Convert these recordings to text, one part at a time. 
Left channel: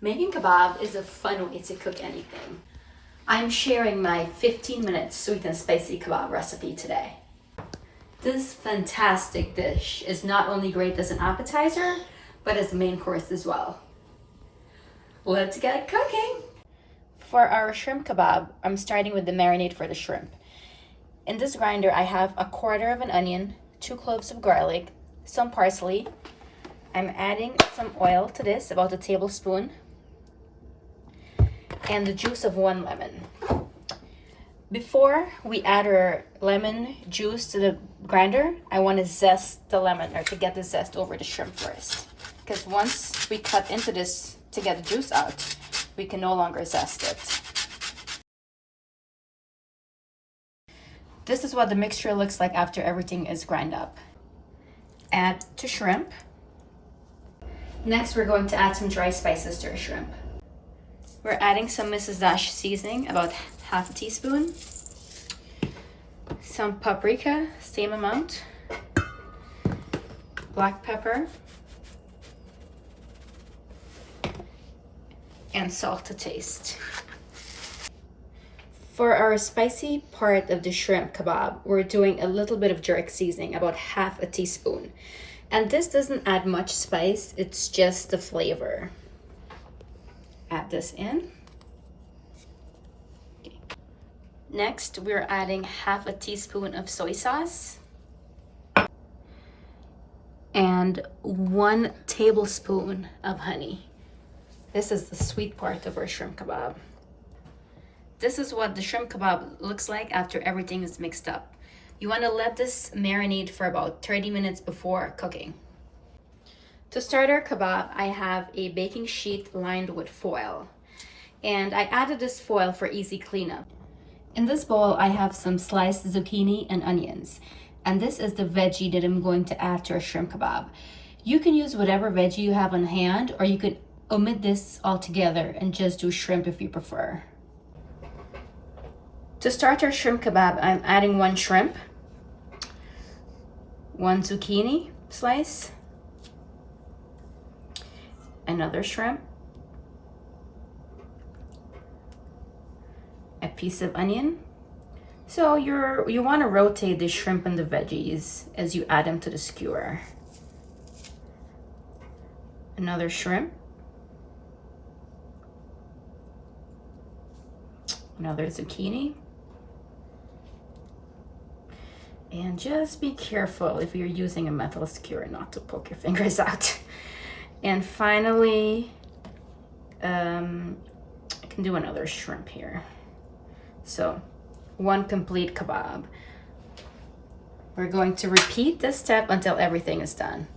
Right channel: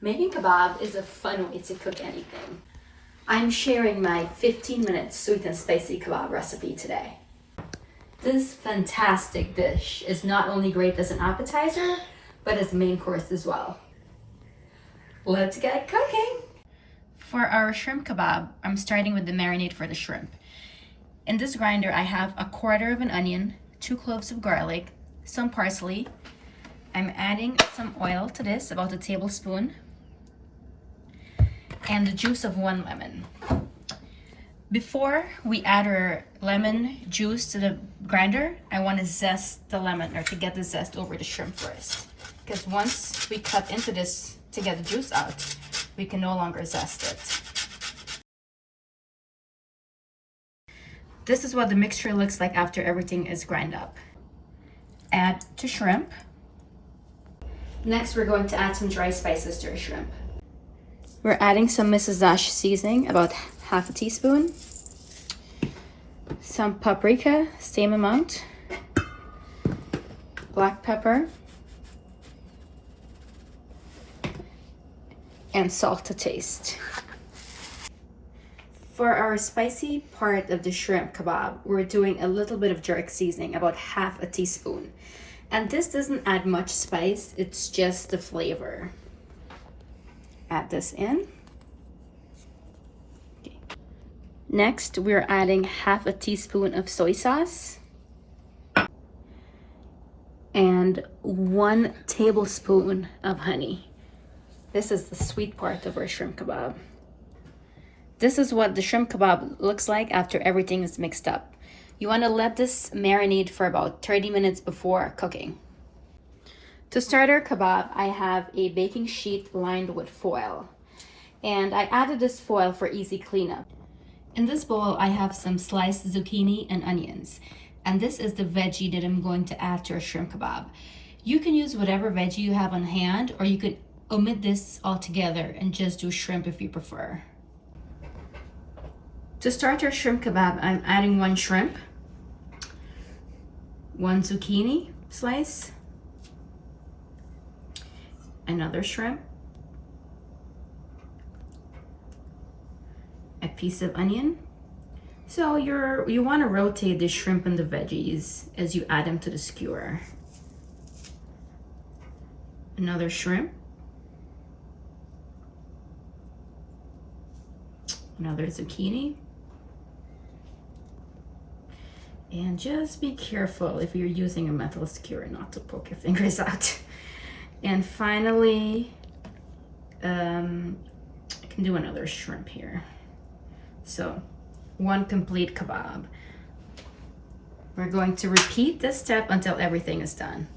Making kebab is a fun way to cook anything. I'm sharing my 15-minute sweet and spicy kebab recipe today. This fantastic dish is not only great as an appetizer, but as a main course as well. Let's get cooking! For our shrimp kebab, I'm starting with the marinade for the shrimp. In this grinder, I have 1/4 of an onion, 2 cloves of garlic, some parsley. I'm adding some oil to this, about 1 tablespoon, and the juice of 1 lemon. Before we add our lemon juice to the grinder, I want to zest the lemon, or to get the zest over the shrimp first. Because once we cut into this to get the juice out, we can no longer zest it. This is what the mixture looks like after everything is ground up. Add to shrimp. Next, we're going to add some dry spices to our shrimp. We're adding some Mrs Dash Seasoning, about 1/2 teaspoon. Some paprika, same amount. Black pepper. And salt to taste. For our spicy part of the shrimp kebab, we're doing a little bit of jerk seasoning, about 1/2 teaspoon. And this doesn't add much spice, it's just the flavor. Add this in. Okay. Next, we're adding 1/2 teaspoon of soy sauce and 1 tablespoon of honey. This is the sweet part of our shrimp kebab. This is what the shrimp kebab looks like after everything is mixed up. You want to let this marinate for about 30 minutes before cooking. To start our kebab, I have a baking sheet lined with foil. And I added this foil for easy cleanup. In this bowl, I have some sliced zucchini and onions. And this is the veggie that I'm going to add to our shrimp kebab. You can use whatever veggie you have on hand, or you could omit this altogether and just do shrimp if you prefer. To start our shrimp kebab, I'm adding 1 shrimp, 1 zucchini slice, another shrimp, a piece of onion. So you want to rotate the shrimp and the veggies as you add them to the skewer. Another shrimp, another zucchini. And just be careful if you're using a metal skewer not to poke your fingers out. And finally, I can do another shrimp here. So 1 complete kebab. We're going to repeat this step until everything is done.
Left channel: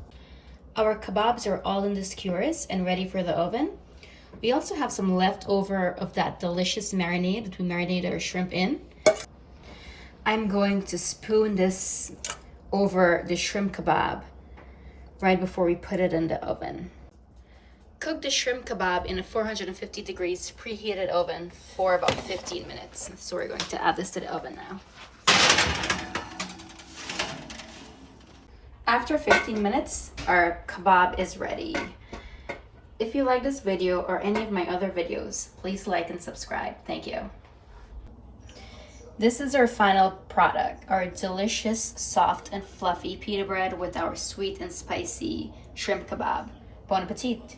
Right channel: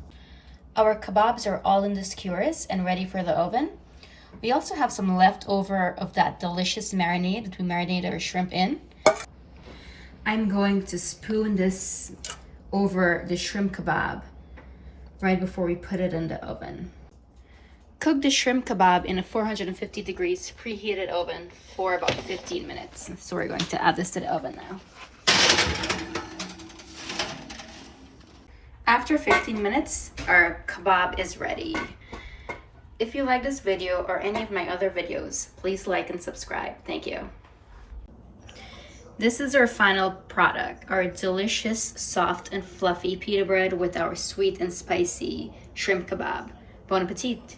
Our kebabs are all in the skewers and ready for the oven. We also have some leftover of that delicious marinade that we marinated our shrimp in. I'm going to spoon this over the shrimp kebab right before we put it in the oven. Cook the shrimp kebab in a 450 degrees preheated oven for about 15 minutes. So we're going to add this to the oven now. After 15 minutes, our kebab is ready. If you like this video or any of my other videos, please like and subscribe. Thank you. This is our final product, our delicious, soft, and fluffy pita bread with our sweet and spicy shrimp kebab. Bon appetit!